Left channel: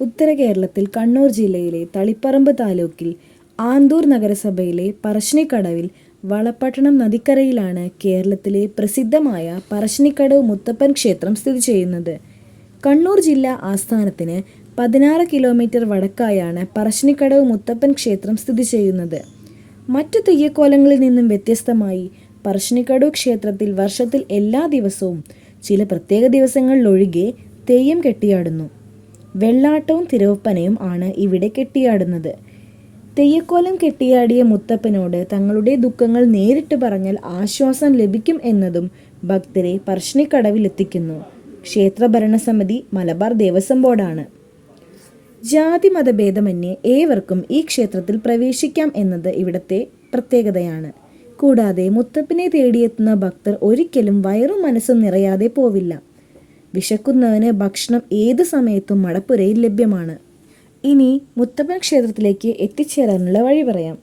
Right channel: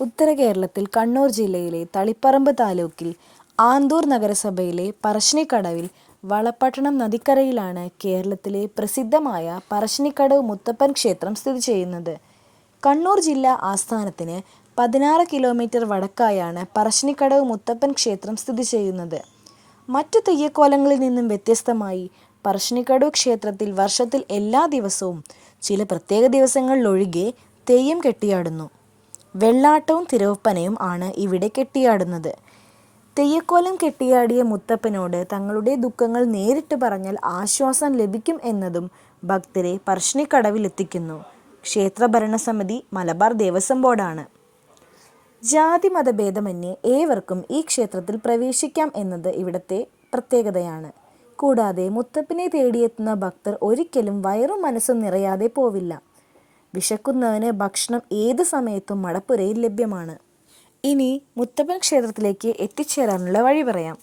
ഉത്തര കേരളത്തിൽ കണ്ണൂർ ജില്ലയിലെ തളിപ്പറമ്പ് താലൂക്കിൽ ആന്തൂർ നഗരസഭയിലെ പറശ്ശിനിക്കടവിൽ വളപട്ടണം നദിക്കരയിലാണ് കേരളത്തിലെ പ്രസിദ്ധമായ പറശ്ശിനിക്കടവ് മുത്തപ്പൻ ക്ഷേത്രം സ്ഥിതി ചെയ്യുന്നത്. കണ്ണൂർ ജില്ലാ ആസ്ഥാനത്തിന് പതിനാറ് കിലോമീറ്റർ വടക്കായാണ് പറശ്ശിനിക്കടവ് മുത്തപ്പൻ ക്ഷേത്രം സ്ഥിതി ചെയ്യുന്നത്. മറ്റു തെയ്യക്കോലങ്ങളിൽ നിന്നും വ്യത്യസ്തമായി പറശ്ശിനിക്കടവ് ക്ഷേത്രത്തിൽ വർഷത്തിൽ എല്ലാ ദിവസവും ചില പ്രത്യേക ദിവസങ്ങളിലൊഴികെ തെയ്യം കെട്ടിയാടുന്നു. വെള്ളാട്ടവും തിരവപ്പനയും ആണ് ഇവിടെ കെട്ടിയാടുന്നത്. തെയ്യക്കോലം കെട്ടിയാടിയ മുത്തപ്പനോട് തങ്ങളുടെ ദുഃഖങ്ങൾ നേരിട്ട് പറഞ്ഞാൽ ആശ്വാസം ലഭിക്കും എന്നതും ഭക്തരെ പറശ്ശിനിക്കടവിലെത്തിക്കുന്നു. ക്ഷേത്ര ഭരണസമിതി മലബാർ ദേവസ്വം ബോർഡാണ്. ജാതി മതഭേദമന്യേ ഏവർക്കും ഈ ക്ഷേത്രത്തിൽ പ്രവേശിക്കാം എന്നത് ഇവിടത്തെ പ്രത്യേകതയാണ്. കൂടാതെ മുത്തപ്പനെ തേടിയെത്തുന്ന ഭക്തർ ഒരിക്കലും വയറും മനസ്സും നിറയാതെ പോവില്ല. വിശക്കുന്നവന് ഭക്ഷണം ഏത് സമയത്തും മടപ്പുരയിൽ ലഭ്യമാണ്. ഇനി മുത്തപ്പൻ ക്ഷേത്രത്തിലേക്ക് എത്തിച്ചേരാനുള്ള വഴി പറയാം.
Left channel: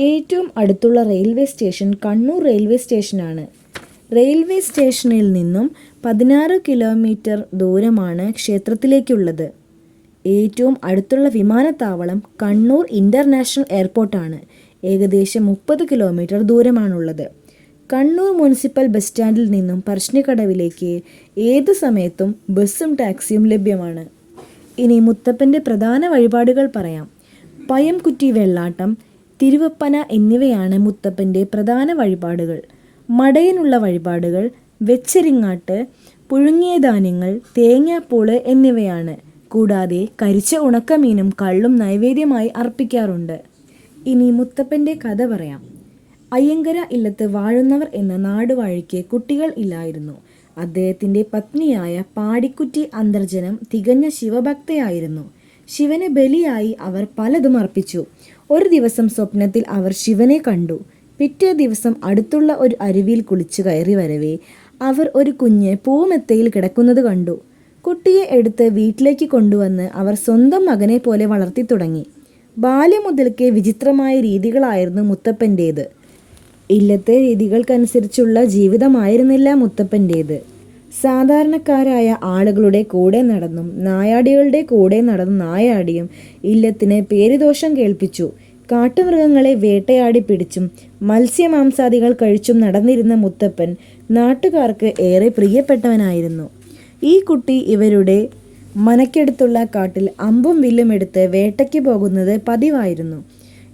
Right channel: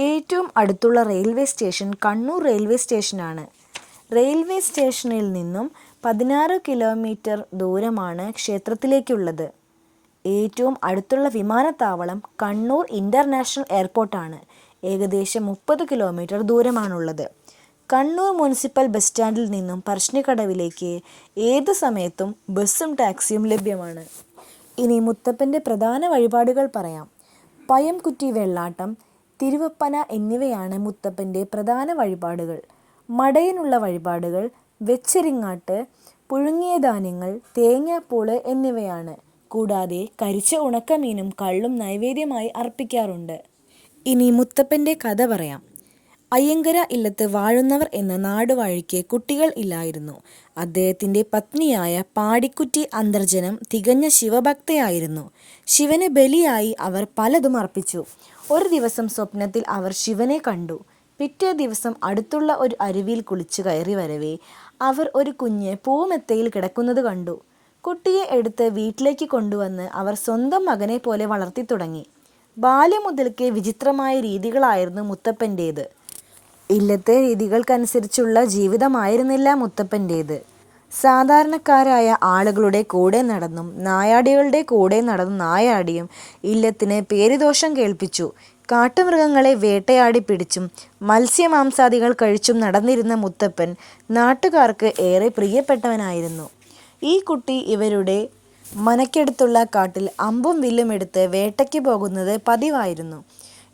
ഏറ്റവും അടുത്തുള്ള റെയിൽവേ സ്റ്റേഷൻ കണ്ണൂർ റെയിൽവേ സ്റ്റേഷനാണ്. റെയിൽവേ സ്റ്റേഷനിൽ നിന്നും പതിനാറ് കിലോമീറ്റർ ദൂരമാണ് ക്ഷേത്രത്തിലേക്കുള്ളത്. ഏറ്റവും അടുത്തുള്ള വിമാനത്താവളം കണ്ണൂർ ഇന്റർനാഷണൽ എയർപോർട്ടാണ്. ഏകദേശം മുപ്പത് കിലോമീറ്റർ ദൂരമാണുള്ളത്. കണ്ണൂർ മുനിസിപ്പൽ ബസ് സ്റ്റാൻഡിൽ നിന്നും പറശ്ശിനിക്കടവിലേക്ക് ഏത് സമയത്തും ബസ്സും ടാക്സിയും ലഭ്യമാണ്. ഇനി മുത്തപ്പന്റെ പ്രധാന വഴിപാടുകൾ പറയാം. പയംകുറ്റി വെള്ളാട്ടം, തിരുവപ്പന എന്നിവയാണ് മുത്തപ്പന്റെ പ്രധാന വഴിപാടുകൾ. മടയനുള്ള വഴിപാടുകൾ വെച്ചരിങ്ങാട്ട്, പുഴുങ്ങിയ ധാന്യങ്ങൾ, തേങ്ങാപ്പൂൾ എന്നിവയാണ്. കൂടാതെ കരിച്ച ഉണക്കമീനും കള്ളും നൈവേദ്യമായി അർപ്പിക്കാറുണ്ട്. ഇനി മുത്തപ്പന്റെ കഥ പറയാം. അയ്യങ്കര ഇല്ലത്ത് വാഴുന്നവർ എന്ന നാടുവാഴിക്ക് കുട്ടികൾ ഇല്ലായിരുന്നു. അദ്ദേഹത്തിന്റെ പത്നിയായ പാടിക്കുറ്റി അന്തർജനം തികഞ്ഞ ശിവഭക്തയായിരുന്നു. ശിവന് ബലിയായി അവർ പലതും അർപ്പിച്ചു. ഒരു ദിവസം സ്വപ്നത്തിൽ അവർ ശിവനെ കണ്ടു. പിറ്റേ ദിവസം അടുത്തുള്ള ഒരു അരുവിയിൽ കുളിച്ചു കയറി വരവേ അവർ ഒരു കുഞ്ഞ് പൂമെത്തയിൽ കിടക്കുന്നത് കണ്ടു. കുട്ടിയെ എടുത്ത് വീട്ടിലേക്ക് കൊണ്ടുവന്ന് അവർ സ്വന്തം മകനെ പോലെ വളർത്തി തുടങ്ങി ബാല്യം മുതൽക്കേ വിചിത്രമായ രീതികളായിരുന്നു മുത്തപ്പന്റേത്. ഇല്ലത്തെ രീതികൾക്കനുസരിച്ചുള്ള ജീവിതമായിരുന്നില്ല മുത്തപ്പന്റേത് സാധാരണക്കാരായ ആളുകളുടെ കൂടെ നടന്നും നായാടികളുടെ കൂടെ നടന്നു നായാടിയും ഇല്ലത്തിന് പേരുദോഷം കേൾപ്പിച്ചു. കാട്ടുമൃഗങ്ങളെ വേട്ടയാടി പിടിച്ചും മത്സ്യമാംസാദികൾ കഴിച്ചും നടന്നിരുന്ന മുത്തപ്പൻ നാട്ടുകാർക്ക് ഏറെ പ്രിയപ്പെട്ടവനായിരുന്നു. ഈ കുട്ടി ഇവരുടെ മനക്കെടുത്തുള്ള കാട്ടിൽ അമ്പും വില്ലും എടുത്ത് വേട്ടയ്ക്ക് പോകുന്നത് പതിവായിരുന്നു.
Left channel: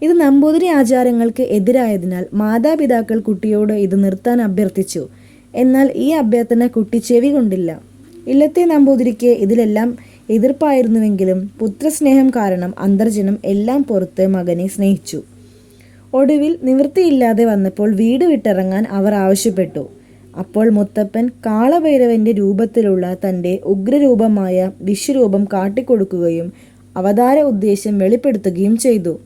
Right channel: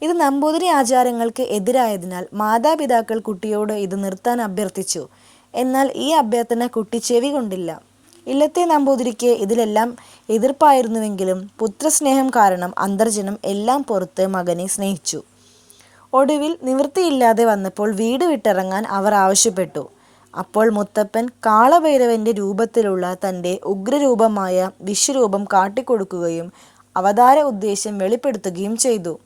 ഇത് നമ്പൂതിരി ആചാരങ്ങൾക്ക് എതിരായതിനാൽ മാതാപിതാക്കൾ കുട്ടിയോട് ഇത് നിർത്താൻ അഭ്യർത്ഥിച്ചു എന്നാൽ ഈ അഭ്യർത്ഥന കുട്ടി ചെവി കൊണ്ടില്ല ഇല്ലത്തെ നമ്പൂതിരിക്ക് ഇതിലെല്ലാം എതിർപ്പായിരുന്നുവെങ്കിലും പുത്രസ്നേഹം കാരണം അന്തർജനം എല്ലാം പുറത്ത് മകനെ സ്നേഹിച്ചു. ഒടുവിൽ നിവൃത്തിയില്ലാതെ വന്നപ്പോൾ വീട് വിട്ടിറങ്ങാൻ അവർ ആവശ്യപ്പെട്ടു. അപ്പോൾ മുത്തപ്പൻ കാളഭൈരവന്റെ രൂപത്തിലുള്ള തന്റെ ഉഗ്രരൂപമായ വിശ്വരൂപം കാട്ടിക്കൊടുക്കുകയും അവതാര ഉദ്ദേശ്യം വെളിപ്പെടുത്തുകയും ചെയ്തു.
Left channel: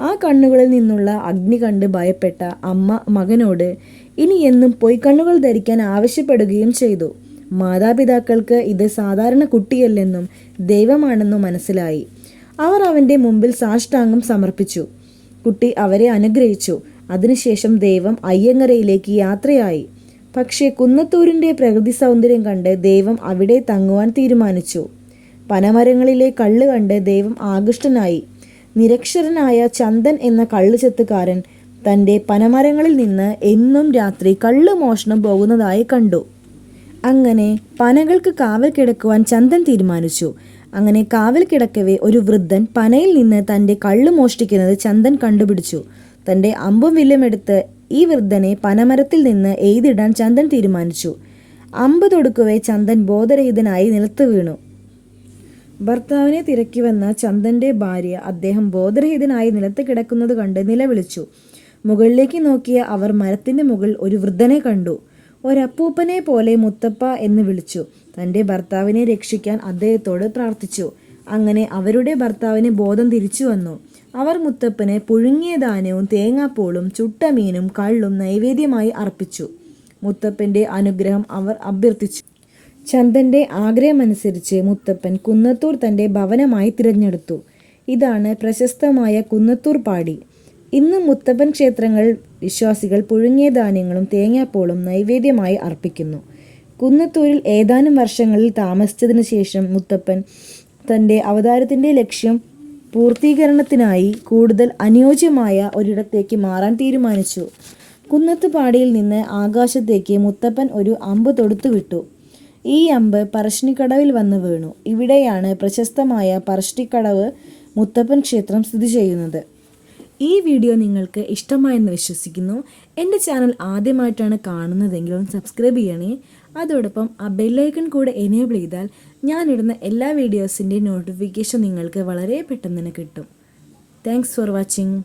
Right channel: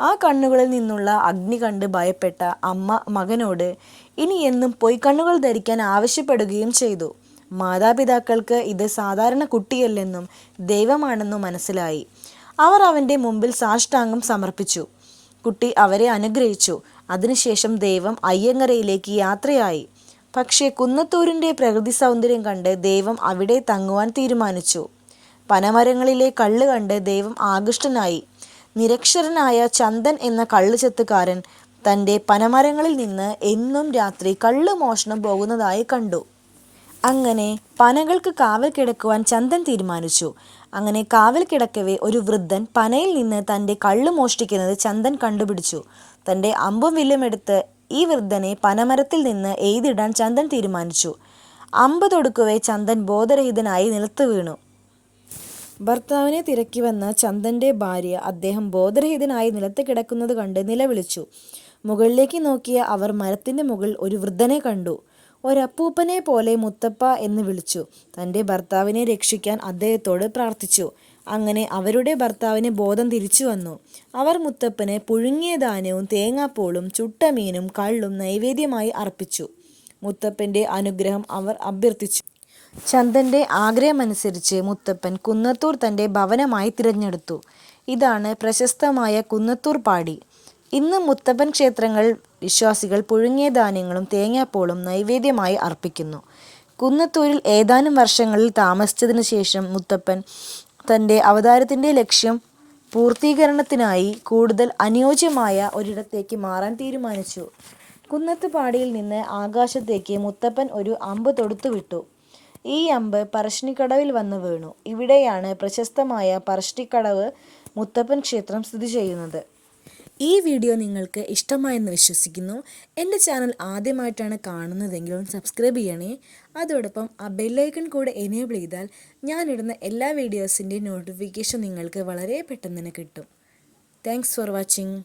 ആ കണ്ണുകളിൽ നിന്നുള്ള അഗ്നി കണ്ട് ഭയപ്പെട്ട അമ്മ മകനോട് ഇനി എന്നും പൊയ്ക്കണ്ണുകൾ ധരിക്കാൻ ആവശ്യപ്പെടുകയും ചെയ്തു. മാതാപിതാക്കൾക്ക് ഇത് സാധാരണ കുട്ടിയല്ലെന്നും ദൈവമാണെന്നും മനസ്സിലായി. അവർ അവന്റെ മുമ്പിൽ സാഷ്ടാംഗം സമർപ്പിച്ചു. കുട്ടി അവരെ അനുഗ്രഹിച്ചു. അതിനുശേഷം ദൈവം അയ്യങ്ങരയിലേക്ക് യാത്രയായി. പക്ഷേ കുന്നത്തൂരിന്റെ പ്രകൃതി സൗന്ദര്യം കണ്ട് ദൈവം അവിടെ തങ്ങുവാൻ തീരുമാനിച്ചു. പനമരങ്ങളിലെ കള്ള് കണ്ട് ദൈവം ആകൃഷ്ടനായി. നിരക്ഷരനായ ചന്ദൻ എന്ന കള്ളുചെത്തുകാരൻ തന്റെ പനമരങ്ങളിൽ നിന്ന് എന്നും രാത്രി കള്ള് മോഷണം പോകുന്നതായി കണ്ടു. അങ്ങനെ പനകൾക്ക് കാവൽ കിടക്കുവാൻ ചന്ദൻ തീരുമാനിച്ചു. അങ്ങനെ കാവൽ കിടക്കവേ ഒരു വൃദ്ധൻ പനയിൽ നിന്ന് തന്റെ കള്ള് മോഷ്ടിക്കുന്നത് ചന്ദൻ കണ്ടുപിടിച്ചു. തന്റെ അമ്പും വില്ലുമെടുത്ത് ഈ വൃദ്ധനെ പനമരത്തിൽ നിന്ന് എഴുതിടാൻ ചന്ദൻ തീരുമാനിച്ചു. അമ്പ് തൊടുക്കവേ ചന്ദൻ ബോധരഹിതനായി നിലത്ത് വീണു. ഭർത്താവിനെ തിരക്കി വന്ന ചന്ദന്റെ ഭാര്യ അദ്ദേഹം ബോധരഹിതനായി നിലത്ത് കിടക്കുന്നത് കണ്ട് നിലവിളിച്ചു. മുകളിലേക്ക് നോക്കിയ അവർ മരത്തിന്റെ മുകളിൽ ഒരു വൃദ്ധനെ കണ്ടു. ഒരപ്പൂപ്പനെ പോലെ മുത്തപ്പ എന്ന് വിളിച്ചു. തന്റെ ഭർത്താവിനെ രക്ഷിക്കാൻ അദ്ദേഹത്തോട് പ്രാർത്ഥിച്ചു. അങ്ങനെ അവരുടെ ഭർത്താവിന് ബോധം തിരിച്ചു വന്നു അവർ മുത്തപ്പന് പുഴുങ്ങിയ ധാന്യവും തേങ്ങാപ്പൂളും ചുട്ട മീനും കള്ളും നൈവേദ്യമായി അർപ്പിച്ചു. മുത്തപ്പന്റെ അനുഗ്രഹം അവർ അഭ്യർഥിച്ചു. ചന്ദന്റെ ആഗ്രഹമനുസരിച്ച് മുത്തപ്പൻ കുന്നത്തൂർ തന്റെ ഭവനമായി തിരഞ്ഞെടുത്തു. ഇതാണ് പ്രശസ്തമായ കുന്നത്തൂർ പാടി. ഇന്ന് മുത്തപ്പൻ ക്ഷേത്രങ്ങൾ വിശ്വാസികൾ പുഴുങ്ങിയ ധാന്യങ്ങളും തേങ്ങാപ്പോളും നൈവേദ്യമായി അർപ്പിക്കുന്നു. കുന്നത്തൂരിൽ ഏതാനും വർഷങ്ങളിൽ താമസിച്ചതിന് ശേഷം മുത്തപ്പൻ തന്റെ അവതാരത്തിന്റെ ലക്ഷ്യം പൂർത്തീകരണത്തിനായി കൂടുതൽ അനുയോജ്യമായ ഒരിടത്തേക്ക് മാറാൻ തീരുമാനിച്ചു കുന്നത്തുപാടിയിൽ നിന്ന് ആകാശത്തേക്ക് മുത്തപ്പൻ ഒരു അമ്പ് തൊടുത്തുവിട്ടു ഈ അമ്പ് പറശ്ശിനിക്കടവിൽ വന്ന് വീണു. ഇവിടെയാണ് പ്രശസ്തമായ പറശ്ശിനിക്കടവ് മുത്തപ്പൻ ക്ഷേത്രം സ്ഥിതി ചെയ്യുന്നത്. ഈ വീഡിയോ നിങ്ങൾക്ക് ഇഷ്ടമായെന്ന് വിശ്വസിക്കുന്നു. എന്റെ ചാനൽ ആദ്യമായിട്ടാണ് കാണുന്നതെങ്കിൽ ഒന്ന് സബ്സ്ക്രൈബ് ചെയ്യണേ. അതോടൊപ്പം ആ ബെല്ലൈക്കൺ കൂടെ എനേബിൾ ചെയ്താൽ ഞാനിടുന്ന എല്ലാ വീഡിയോസിന്റെയും നോട്ടിഫിക്കേഷൻ നിങ്ങൾക്ക് വളരെ പെട്ടെന്ന് തന്നെ കിട്ടും. Thanks for watching